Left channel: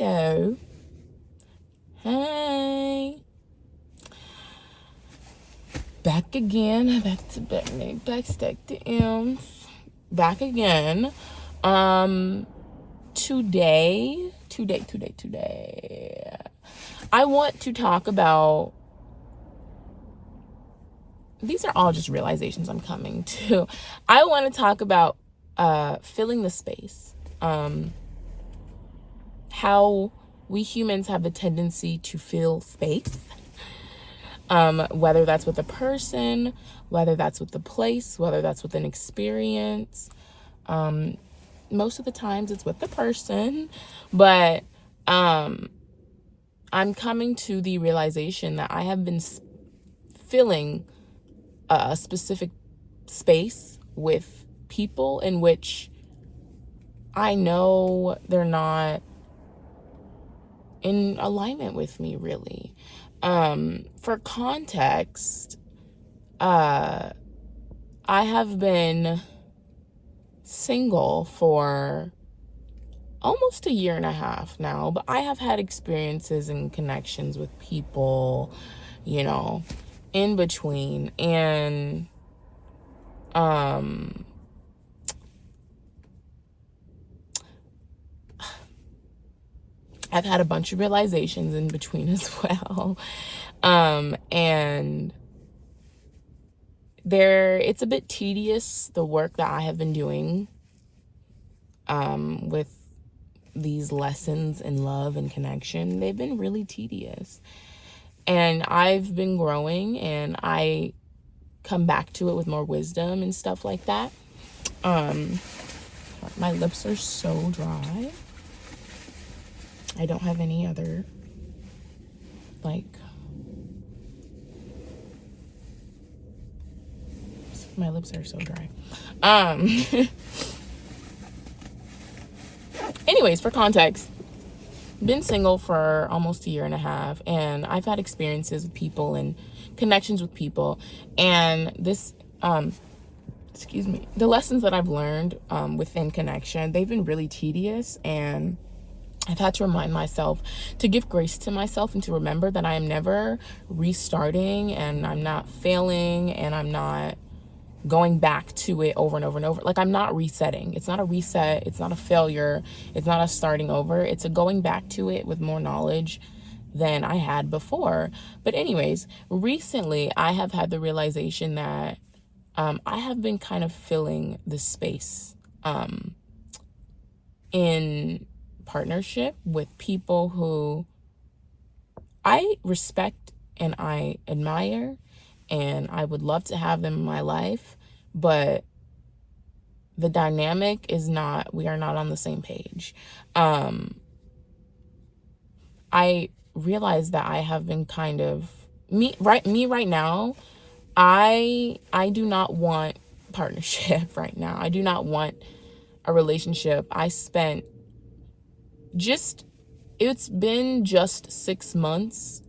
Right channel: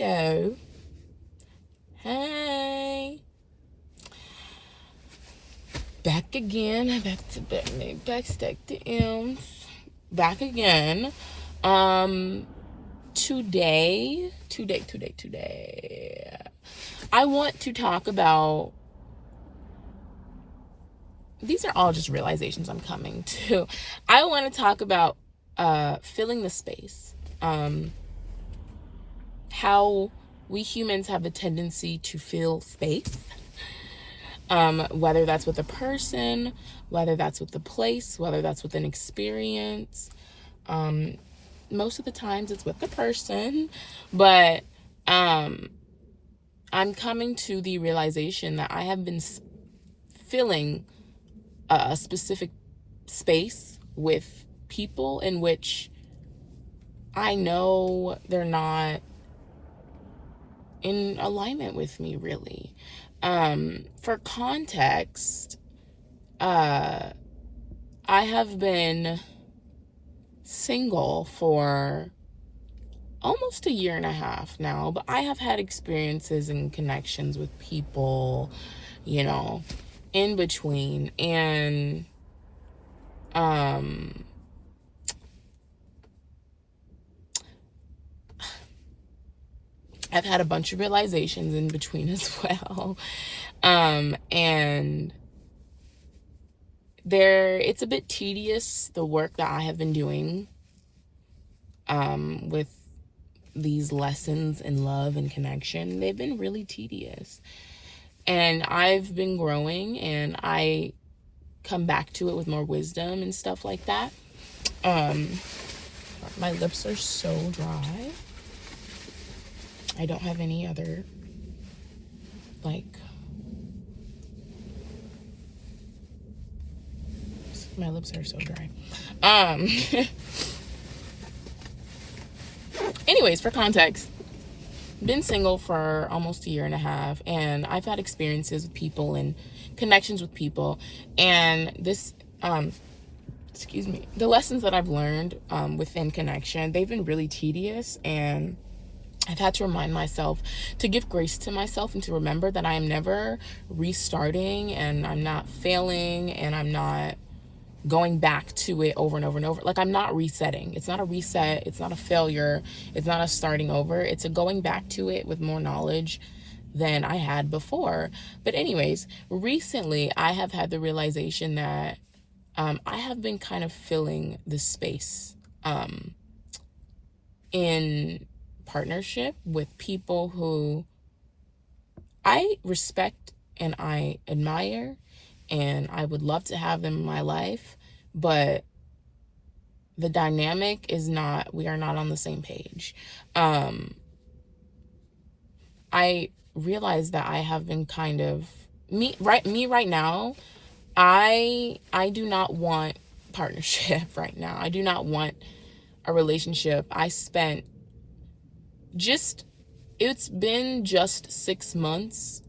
Hello. Hey. Back again. Backstack the M's. Back again. Today. I want to talk about, these are all just realizations I'm coming to. I want to talk about filling the space. How we humans have the tendency to fill space. Whether that's with a person, whether that's with the place, whether that's with an experience. Most of the times it's with the person, but I'm coming to the realization that I have been filling a specific space with people in which I know they're not in alignment with me, really. For context, I have been single for almost a year and a half now, but I have had experiences and connections with people, in between. And I've had a bunch of realizations in between as well. And it's a bit tedious, the work that I have been doing with these lessons in love and connection. They've been really tedious. And I've been growing, and I come back to it with more wisdom and stuff like that. My lips are so dry. I don't have any other, my lips are so dry. Anyways, for context, been single for almost a year and a half, and I've had experiences with people and connections with people, and this, the lessons that I've learned within connection, they've been really tedious, and I've had to remind myself to give grace to myself and to remember that I am never restarting, and I'm not failing, and I'm not going back to it over and over and over. Like, I'm not resetting. It's not a reset. It's not a failure. It's not a starting over. It's a going back to it with more knowledge than I had before. But anyways, recently I have had the realization that I have been kind of filling this space in partnership with people who I respect and I admire, and I would love to have them in my life, but the dynamic is not, we are not on the same page. I realize that I have been kind of, me right now, I do not want partnership right now. I do not want a relationship. It's been just 6 months.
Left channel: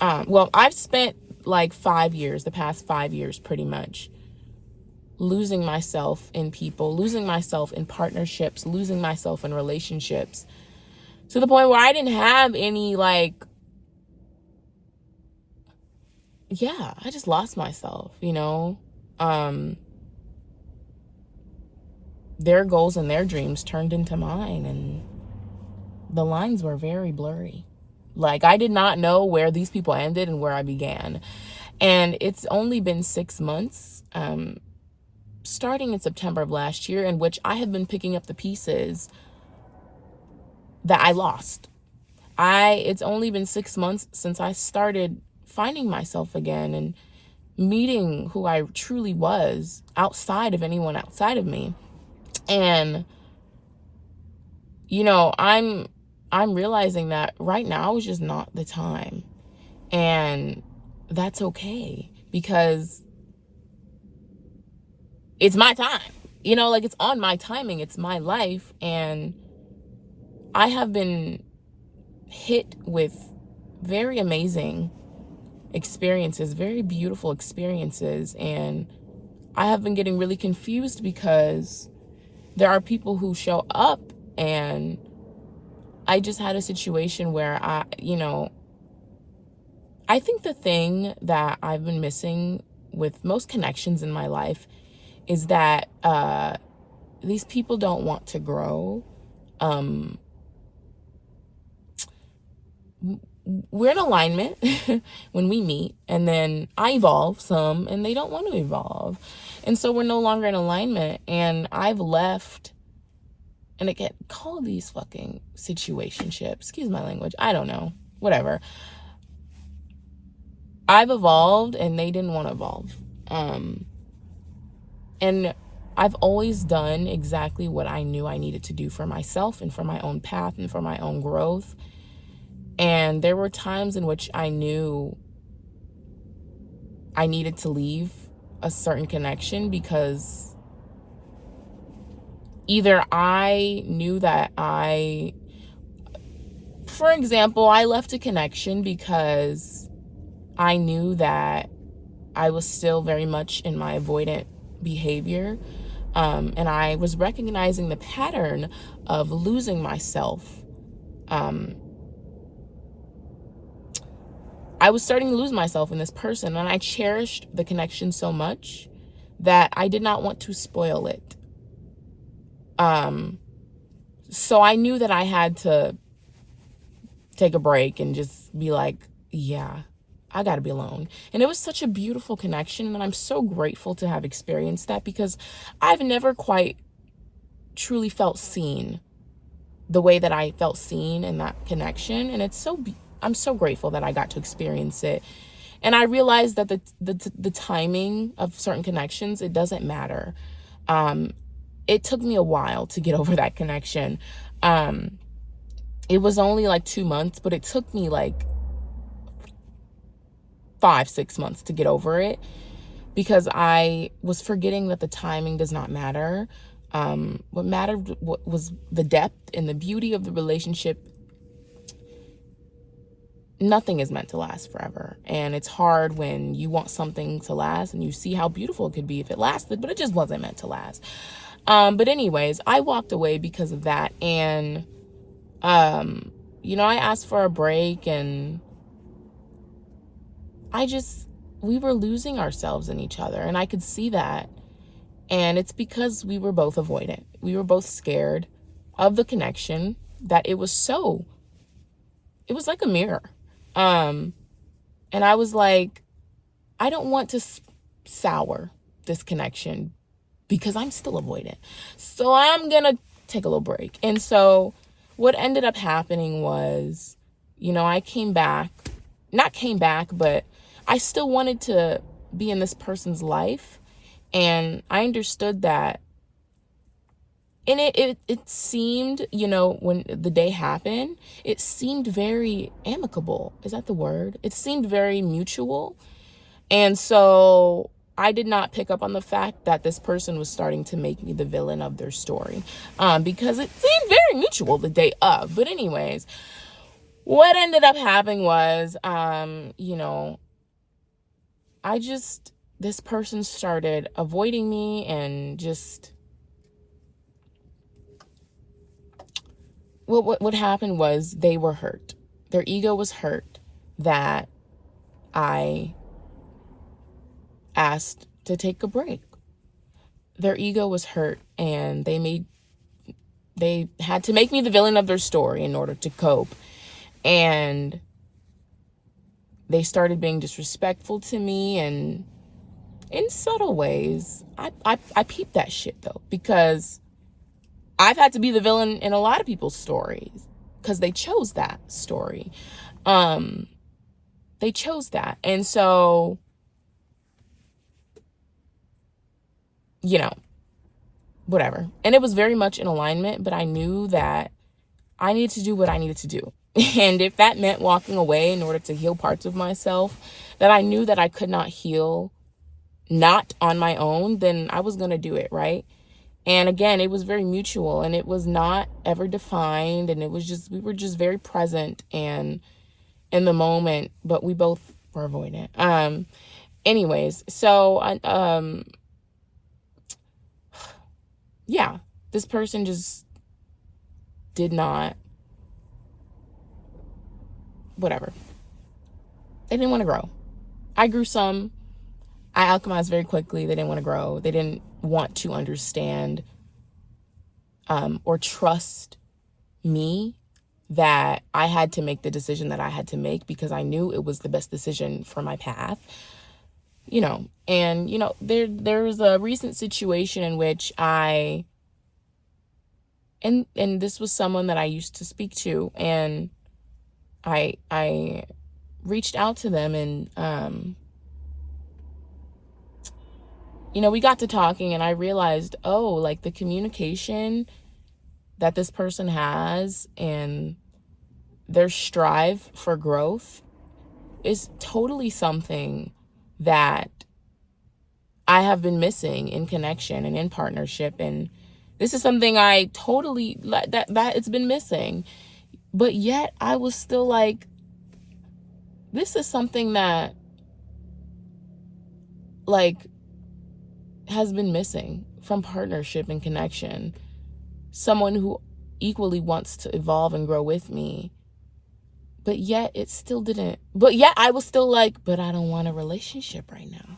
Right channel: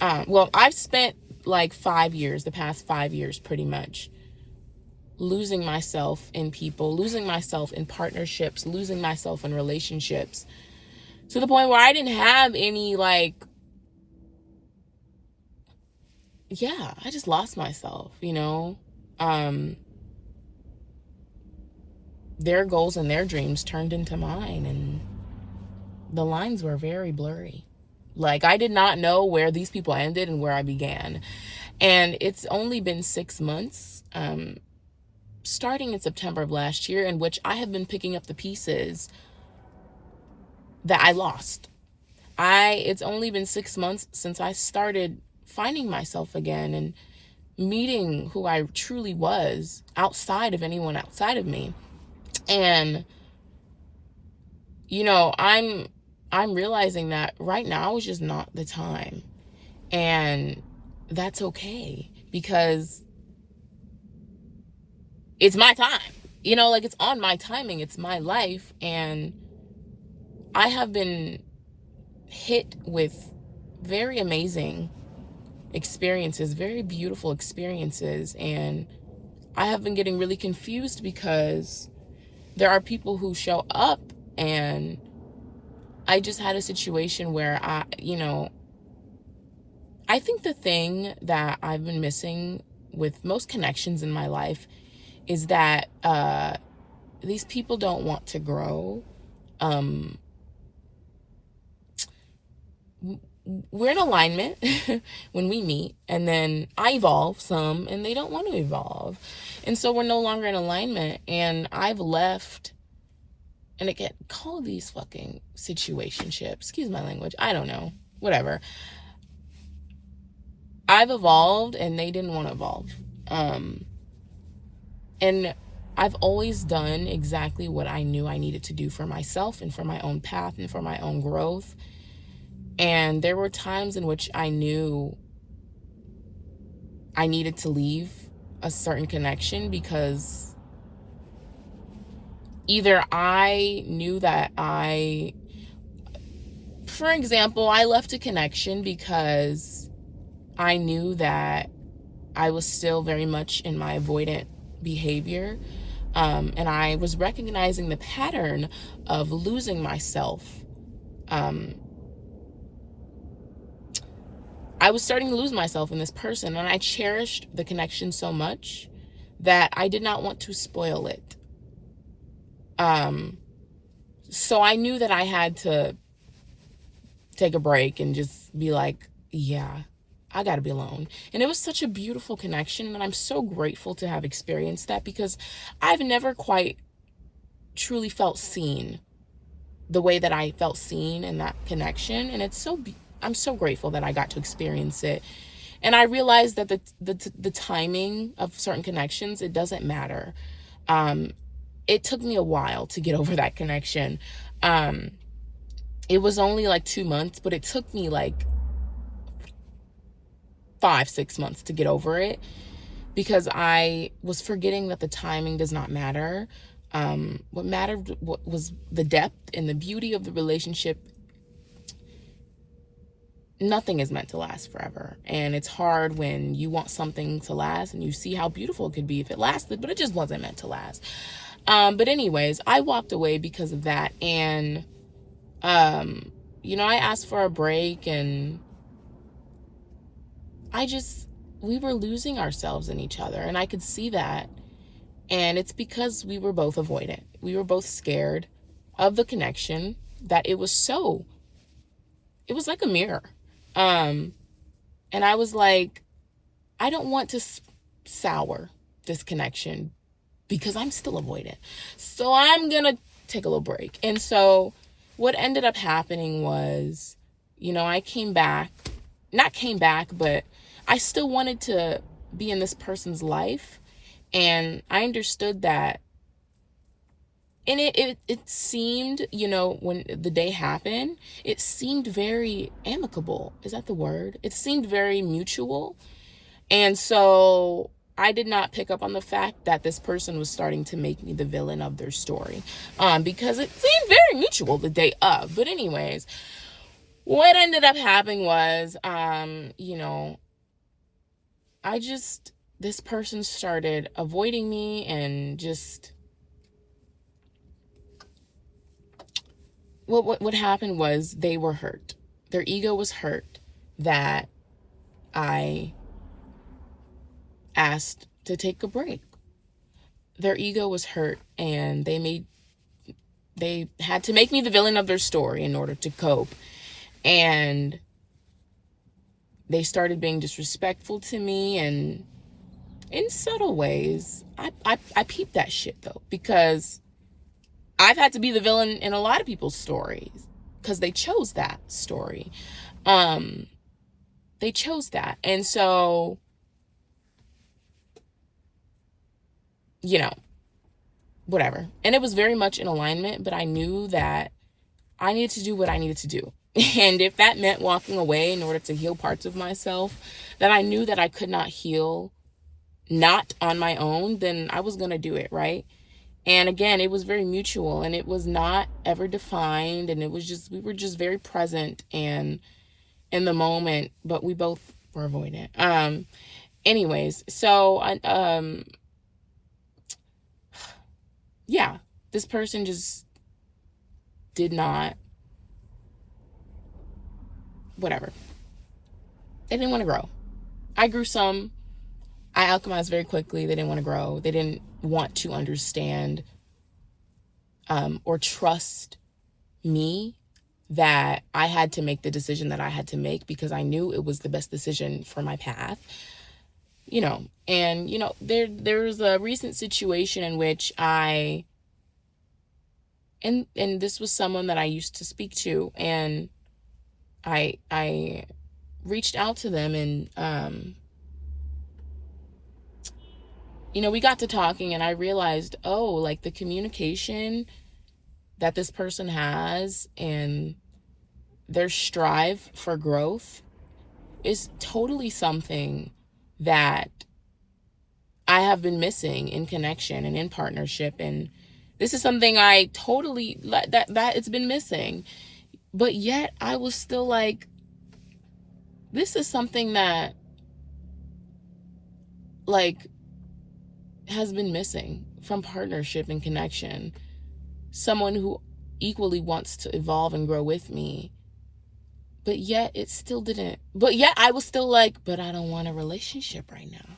I've spent like 5 years, the past 5 years pretty much, losing myself in people, losing myself in partnerships, losing myself in relationships, to the point where I didn't have any, I just lost myself, their goals and their dreams turned into mine, and the lines were very blurry. I did not know where these people ended and where I began. And it's only been 6 months, starting in September of last year, in which I have been picking up the pieces that I lost. It's only been 6 months since I started finding myself again and meeting who I truly was outside of anyone outside of me. And, I'm realizing that right now is just not the time. And that's okay, because it's my time. It's on my timing. It's my life. And I have been hit with very amazing experiences, very beautiful experiences. And I have been getting really confused because there are people who show up and I just had a situation where I think the thing that I've been missing with most connections in my life is that these people don't want to grow. We're in alignment when we meet, and then I evolve some and they don't want to evolve. And so we're no longer in alignment, and I've left. And again, call these fucking situationships. Excuse my language. I don't know. Whatever. I've evolved and they didn't want to evolve. And I've always done exactly what I knew I needed to do for myself and for my own path and for my own growth. And there were times in which I knew I needed to leave a certain connection because either I knew that for example, I left a connection because I knew that I was still very much in my avoidant behavior. And I was recognizing the pattern of losing myself. I was starting to lose myself in this person, and I cherished the connection so much that I did not want to spoil it. So I knew that I had to take a break and just be like, yeah, I gotta be alone. And it was such a beautiful connection, and I'm so grateful to have experienced that because I've never quite truly felt seen the way that I felt seen in that connection. And I'm so grateful that I got to experience it. And I realized that the timing of certain connections, it doesn't matter. It took me a while to get over that connection. It was only like 2 months, but it took me like 5-6 months to get over it because I was forgetting that the timing does not matter. What mattered was the depth and the beauty of the relationship. Nothing is meant to last forever. And it's hard when you want something to last and you see how beautiful it could be if it lasted, but it just wasn't meant to last. But anyways, I walked away because of that. And, I asked for a break, and we were losing ourselves in each other. And I could see that. And it's because we were both avoidant. We were both scared of the connection that it was like a mirror. And I was like, I don't want to sour this connection because I'm still avoidant. So I'm going to take a little break. And so what ended up happening was, I not came back, but I still wanted to be in this person's life. And I understood that. And it seemed, when the day happened, it seemed very amicable. Is that the word? It seemed very mutual. And so I did not pick up on the fact that this person was starting to make me the villain of their story. Because it seemed very mutual the day of. But anyways, what ended up happening was, this person started avoiding me and just, what happened was they were hurt. Their ego was hurt that I asked to take a break. Their ego was hurt, and they had to make me the villain of their story in order to cope. And they started being disrespectful to me, and in subtle ways. I peeped that shit though, because I've had to be the villain in a lot of people's stories because they chose that story. They chose that. And so, whatever. And it was very much in alignment, but I knew that I needed to do what I needed to do. And if that meant walking away in order to heal parts of myself that I knew that I could not heal not on my own, then I was going to do it, right? And again, it was very mutual, and it was not ever defined, and we were just very present and in the moment, but we both were avoidant. Anyways, so this person just did not whatever. They didn't want to grow. I grew some. I alchemized very quickly. They didn't want to grow. They didn't want to understand or trust me, that I had to make the decision that I had to make because I knew it was the best decision for my path. And there's a recent situation in which and this was someone that I used to speak to, and I reached out to them, and we got to talking, and I realized, like, the communication that this person has and their strive for growth is totally something that I have been missing in connection and in partnership. And this is something I totally, that it's been missing. But yet I was still like, this is something that, like, has been missing from partnership and connection. Someone who equally wants to evolve and grow with me. But yet it still didn't. But yet I was still like, but I don't want a relationship right now.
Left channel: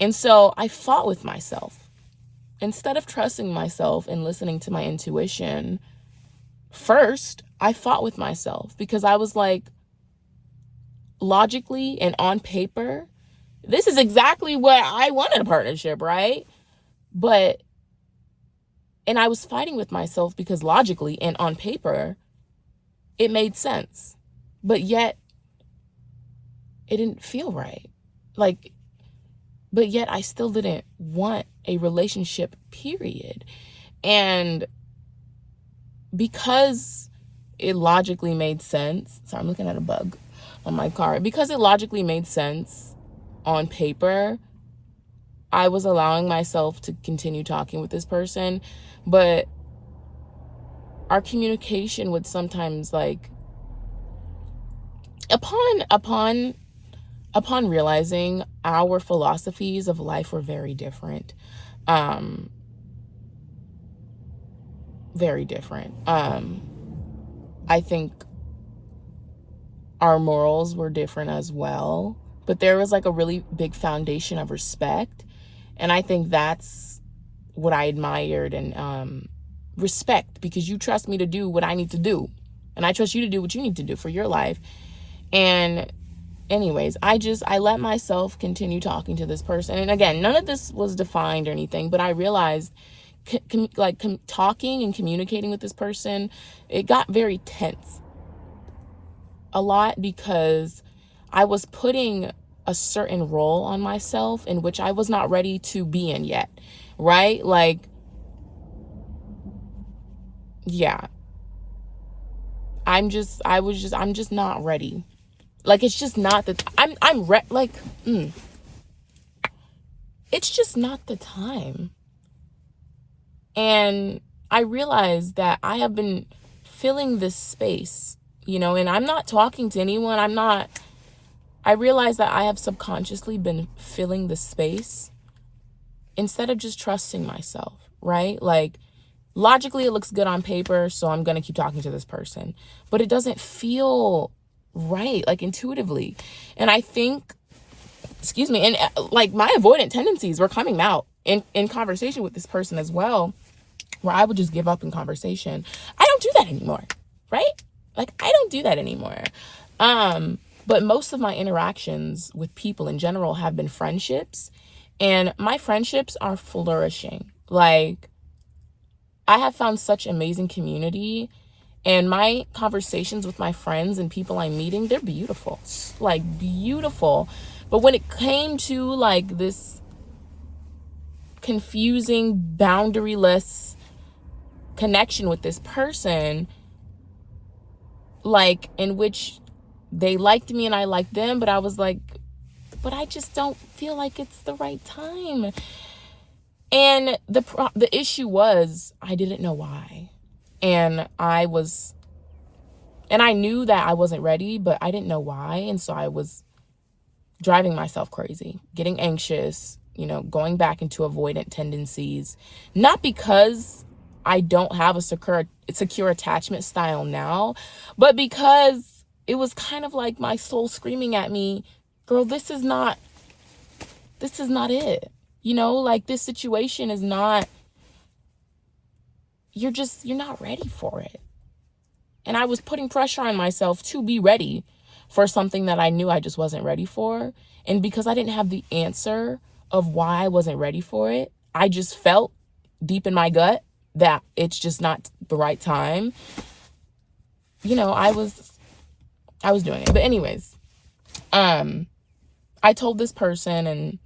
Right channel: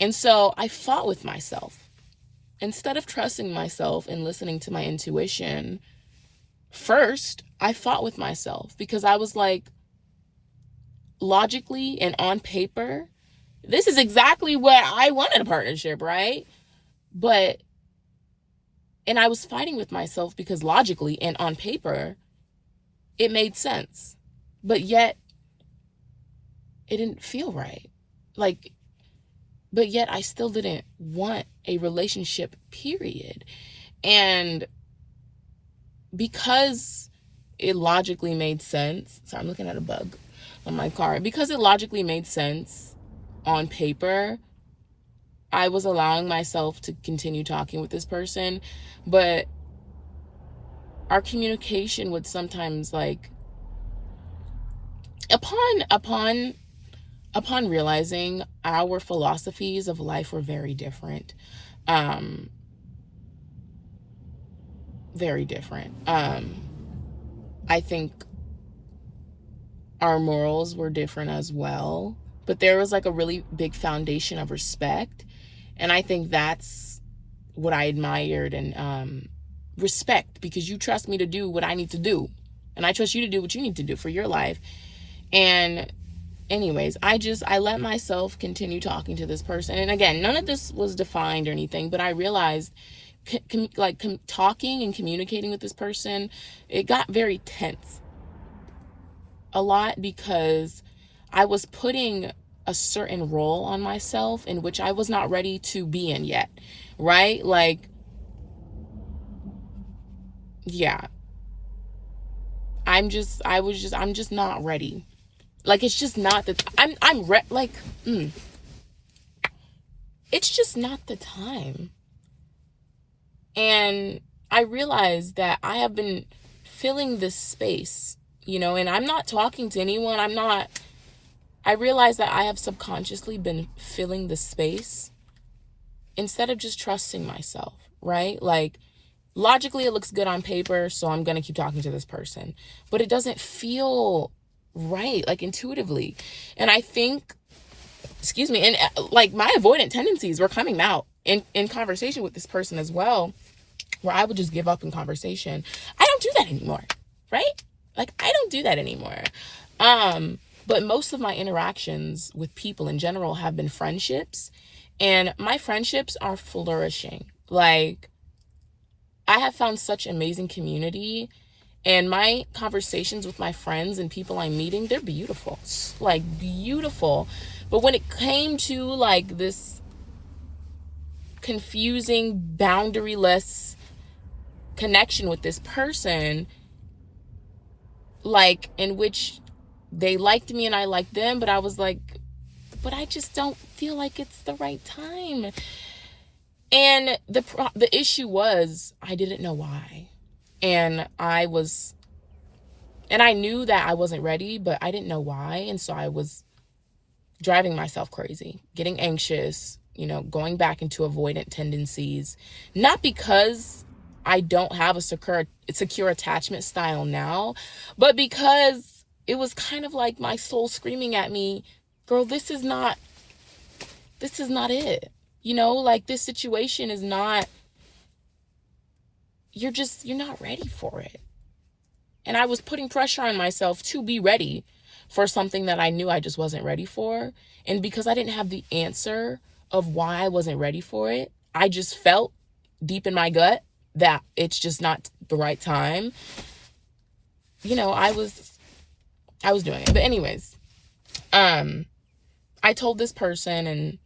And so I fought with myself. Instead of trusting myself and listening to my intuition, first, I fought with myself because I was like, logically and on paper, this is exactly what I want in a partnership, right? And I was fighting with myself because logically and on paper, it made sense. But yet, it didn't feel right. But yet I still didn't want a relationship, period. And because it logically made sense, so I'm looking at a bug on my car. Because it logically made sense on paper, I was allowing myself to continue talking with this person, but our communication would sometimes, like, upon realizing our philosophies of life were very different. Very different. I think our morals were different as well, but there was like a really big foundation of respect. And I think that's what I admired, and respect, because you trust me to do what I need to do, and I trust you to do what you need to do for your life. And anyways, I let myself continue talking to this person. And again, none of this was defined or anything, but I realized talking and communicating with this person, it got very tense a lot because I was putting a certain role on myself in which I was not ready to be in yet, right? Like, yeah, I'm just not ready. Like, it's just not that it's just not the time. And I realized that I have been filling this space, and I'm not talking to anyone. I realized that I have subconsciously been filling the space instead of just trusting myself, right? Like, logically, it looks good on paper, so I'm going to keep talking to this person. But it doesn't feel right, like, intuitively. And I think, and like, my avoidant tendencies were coming out in conversation with this person as well, where I would just give up in conversation. I don't do that anymore, right? Like, I don't do that anymore. But most of my interactions with people in general have been friendships, and my friendships are flourishing. Like, I have found such amazing community, and my conversations with my friends and people I'm meeting, they're beautiful, like, beautiful. But when it came to, like, this confusing, boundaryless connection with this person, like, in which they liked me and I liked them, but I was like, but I just don't feel like it's the right time. And the issue was, I didn't know why. And I knew that I wasn't ready, but I didn't know why. And so I was driving myself crazy, getting anxious, going back into avoidant tendencies. Not because I don't have a secure attachment style now, but because it was kind of like my soul screaming at me, girl, this is not it. You know, like, this situation is not, you're not ready for it. And I was putting pressure on myself to be ready for something that I knew I just wasn't ready for. And because I didn't have the answer of why I wasn't ready for it, I just felt deep in my gut that it's just not the right time. You know, I was doing it. But anyways, I told this person, and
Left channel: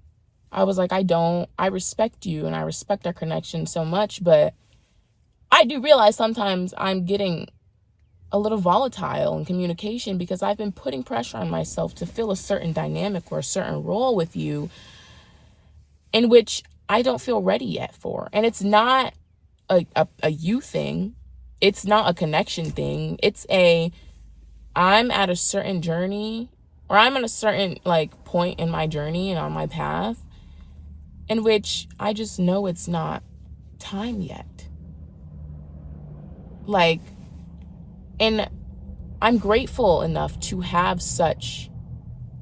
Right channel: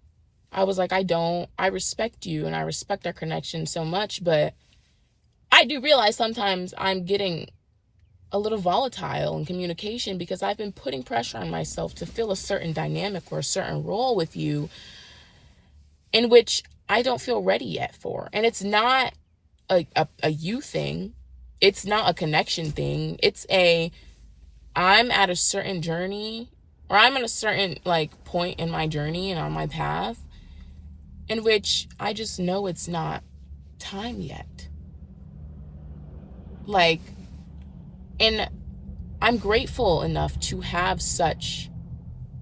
I was like, I respect you and I respect our connection so much, but I do realize sometimes I'm getting a little volatile in communication because I've been putting pressure on myself to fill a certain dynamic or a certain role with you in which I don't feel ready yet for. And it's not a you thing. It's not a connection thing. I'm at a certain journey, or I'm at a certain like point in my journey and on my path in which I just know it's not time yet. Like, and I'm grateful enough to have such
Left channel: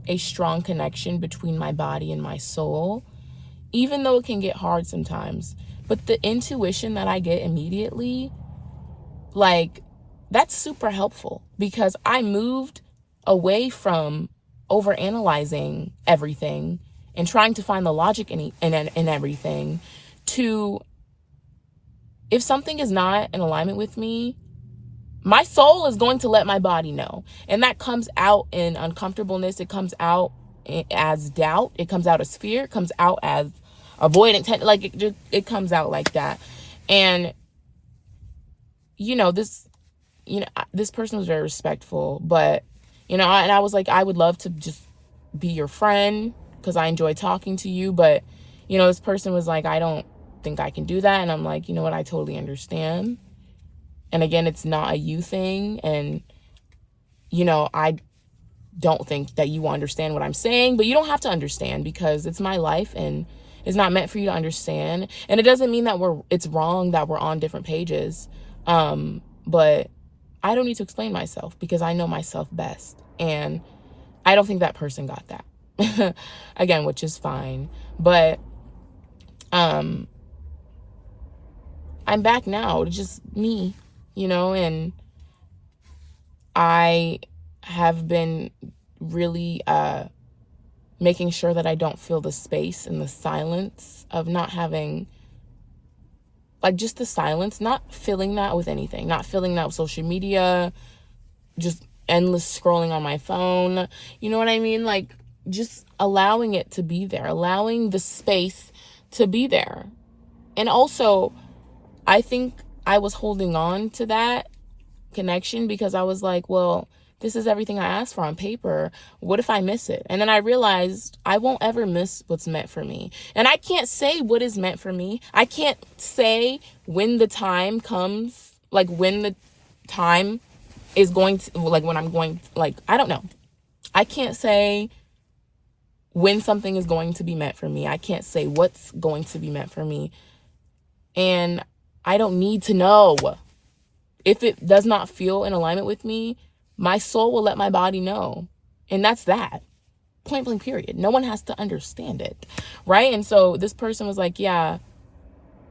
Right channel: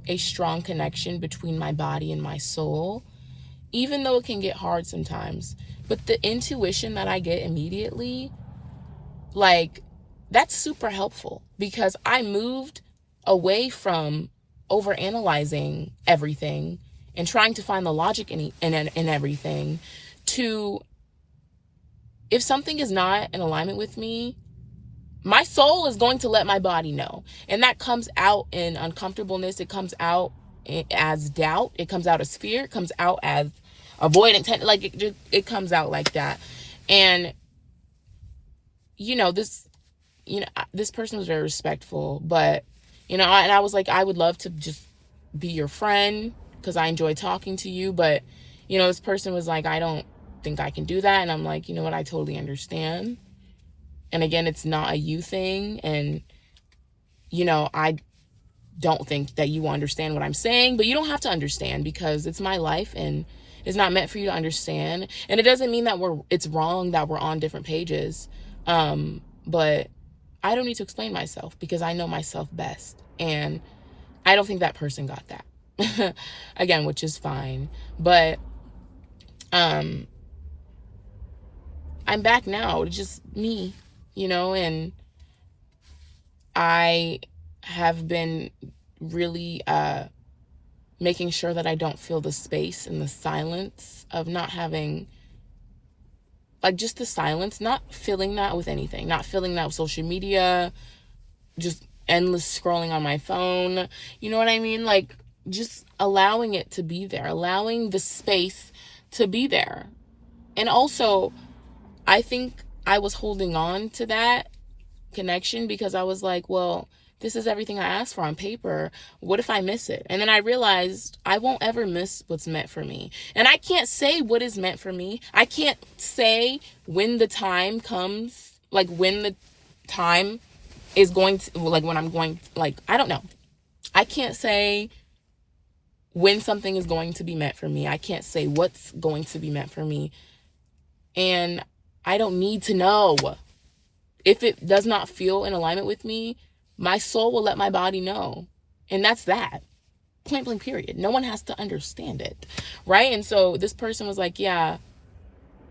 a strong connection between my body and my soul, even though it can get hard sometimes. But the intuition that I get immediately, like, that's super helpful, because I moved away from overanalyzing everything and trying to find the logic in everything, to, if something is not in alignment with me, my soul is going to let my body know. And that comes out in uncomfortableness. It comes out as doubt. It comes out as fear. It comes out as avoidance. Like, it comes out like that. And, this person was very respectful, but, and I was like, I would love to just be your friend because I enjoy talking to you. But, this person was like, I don't think I can do that. And I'm like, you know what? I totally understand. And again, it's not a you thing. And, I don't think that you understand what I'm saying, but you don't have to understand, because it's my life and it's not meant for you to understand. And it doesn't mean that it's wrong that we're on different pages. But I don't need to explain myself because I know myself best. And I don't think that person got that. Again, which is fine. But, I'm back now. It's just me, and I have been really making sure that I don't feel the space and the silence of not having, like, just the silence, not filling that with anything, not filling that with social media, just endless scrolling on my phone. You know what I mean? Like, just allowing it to be there, allowing the space to be there. And also, I think I was holding on to that connection because I was like, well, this is everything I asked for on paper. What if I miss it? And then I realized I won't ever miss what's meant for me. And I can't say what is meant for me. I can't say when the time comes, like when the time is going to, like when I'm going, like, I don't know. I can't say when something is going to be meant for me. I can't say what's going to be meant for me. And I don't need to know. If it does not feel in alignment with me, my soul will let my body know. And that's that. Point blank, period. No one has to understand it, right? And so this person was like, yeah,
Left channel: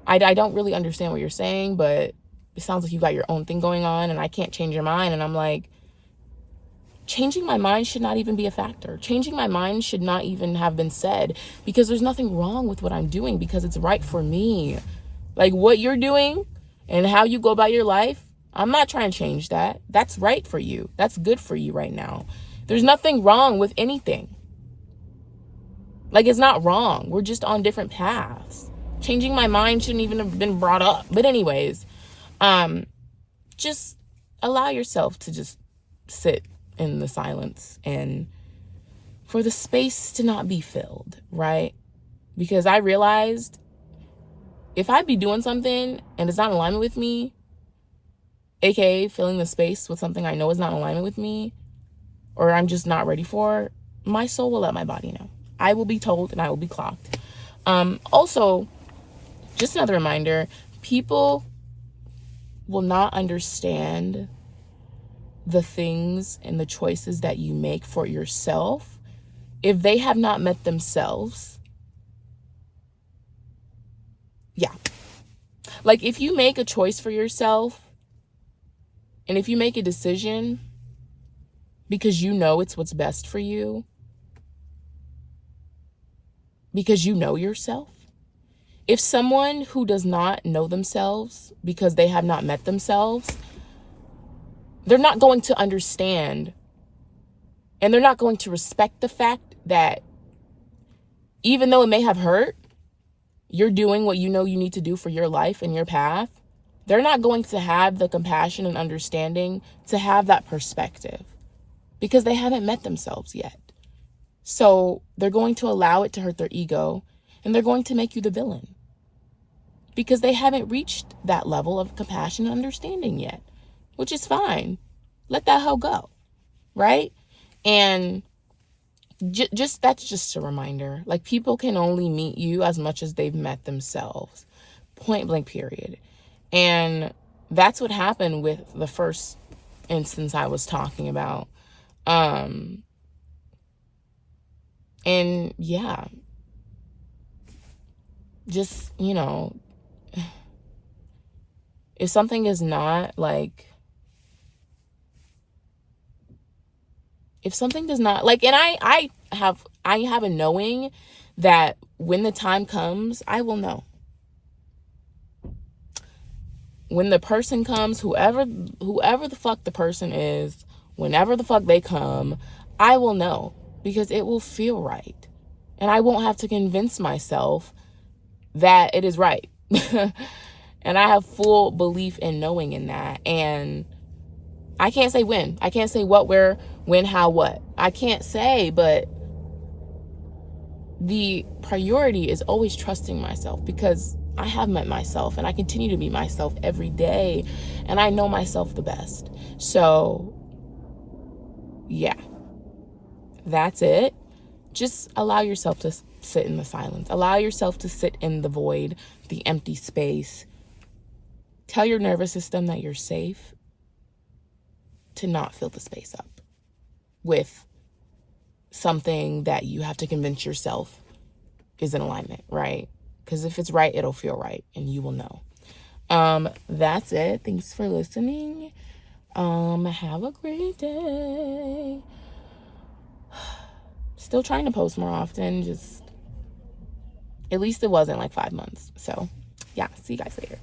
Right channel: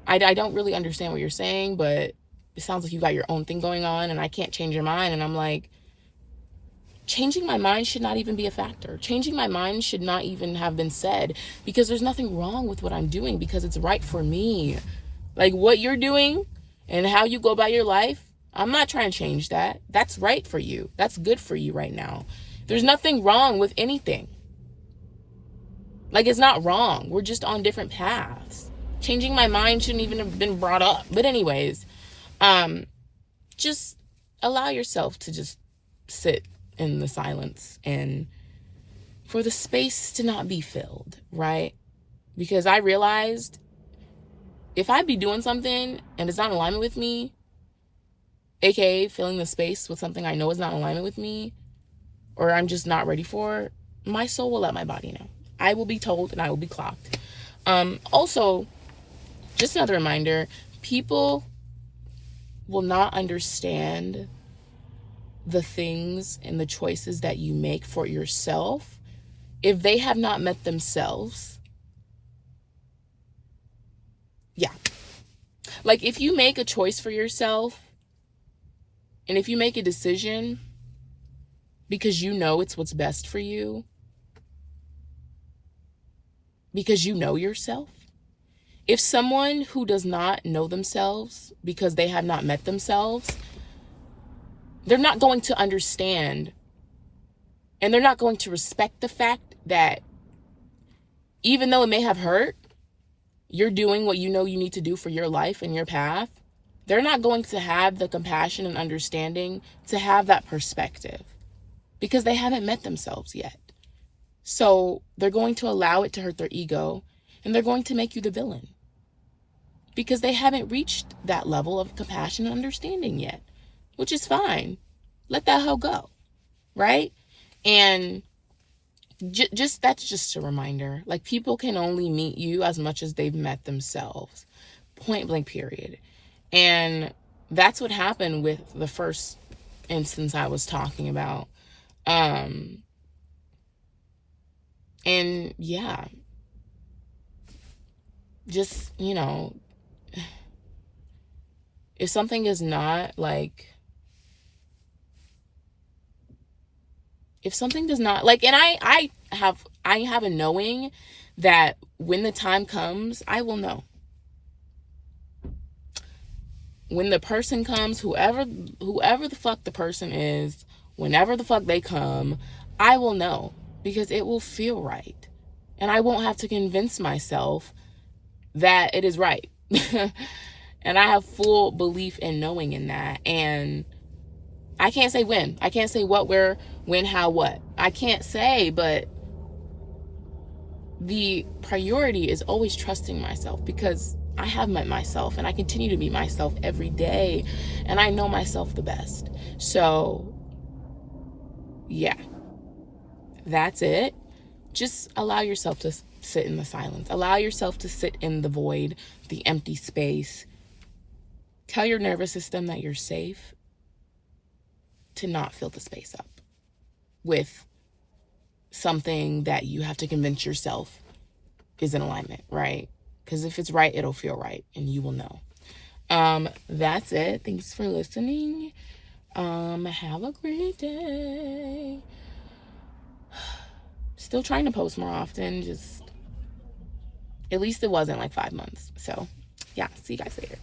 I don't really understand what you're saying, but it sounds like you got your own thing going on and I can't change your mind. And I'm like, changing my mind should not even be a factor. Changing my mind should not even have been said, because there's nothing wrong with what I'm doing, because it's right for me. Like, what you're doing and how you go about your life, I'm not trying to change that. That's right for you. That's good for you right now. There's nothing wrong with anything. Like, it's not wrong. We're just on different paths. Changing my mind shouldn't even have been brought up. But anyways, just allow yourself to just sit in the silence and for the space to not be filled, right? Because I realized if I be doing something and it's not in alignment with me, aka filling the space with something I know is not in alignment with me, or I'm just not ready for, my soul will let my body know. I will be told and I will be clocked. Also, just another reminder, people will not understand the things and the choices that you make for yourself, if they have not met themselves, yeah. Like, if you make a choice for yourself, and if you make a decision because you know it's what's best for you, because you know yourself, if someone who does not know themselves because they have not met themselves, they're not going to understand, and they're not going to respect the fact that even though it may have hurt, you're doing what you know you need to do for your life and your path. They're not going to have the compassion and understanding to have that perspective because they haven't met themselves yet. So they're going to allow it to hurt their ego, and they're going to make you the villain because they haven't reached that level of compassion and understanding yet, which is fine. Let that hoe go, right? And just that's just a reminder. Like, people can only meet you as much as they've met themselves, point blank, period. And that's what happened with the first instance I was talking about. And yeah, just, if something is not like, if something does not like, and I have a knowing that when the time comes, I will know. When the person comes, whoever the fuck the person is, whenever the fuck they come, I will know because it will feel right. And I won't have to convince myself that it is right. And I have full belief in knowing in that. And I can't say when. I can't say what, where, when, how, what. I can't say, but the priority is always trusting myself because I have met myself and I continue to be myself every day, and I know myself the best. So yeah, that's it. Just allow yourself to sit in the silence. Allow yourself to sit in the void, the empty space. Tell your nervous system that you're safe to not fill the space up with something that you have to convince yourself is in alignment, right? Because if it's right, it'll feel right and you will know. That's it. Thanks for listening. Have a great day. Still trying to post more often, just at least it wasn't like 5 months. So yeah, see you guys later.